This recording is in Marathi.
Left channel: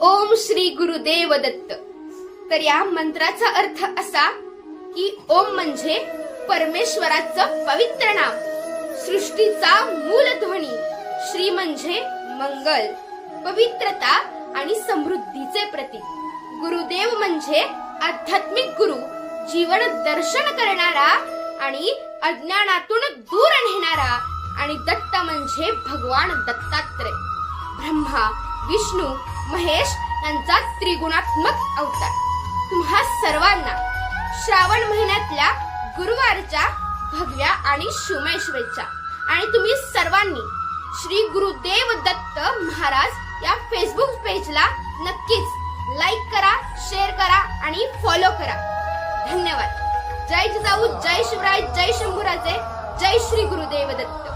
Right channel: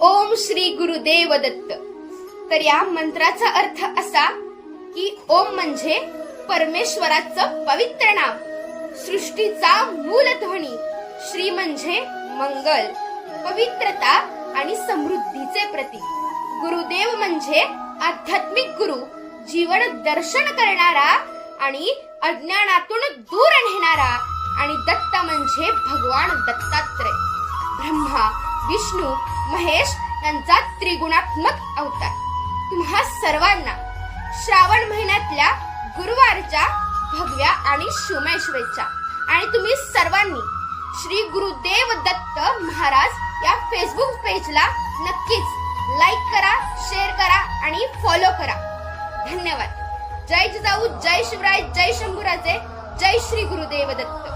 ओम श्री गुरुदेव दत्त. तर या मंत्राचा अर्थ असा की ओम म्हणजे परमेश्वराचं पवित्र नाम, सृष्टीचा मूल ध्वनी. श्री म्हणजे मंगल, पवित्रता आणि समृद्धीचे प्रतीक. गुरुदेव म्हणजे आध्यात्मिक गुरु, जीवन दर्शन करणारा आणि अज्ञानातून दूर नेणारा. आणि दत्त म्हणजे भगवान दत्तात्रय, ब्रह्मा, विष्णू, महेश यांचा त्रिगुणात्मक अवतार. तुम्हा सर्वांना श्रावण महिन्यातल्या गुरुवारच्या भगव्या आणि शुभमय शुभेच्छा. आणि तुम्ही सर्वांनी श्री गुरुदेव दत्त महाराज या फेसबुक पेजला नक्कीच लाईक करा, शेअर करा आणि फॉलो करा. धन्यवाद. जय जिजाऊ, जय शिवराय, जय शंभूराजे, जय श्री गुरुदेव दत्त.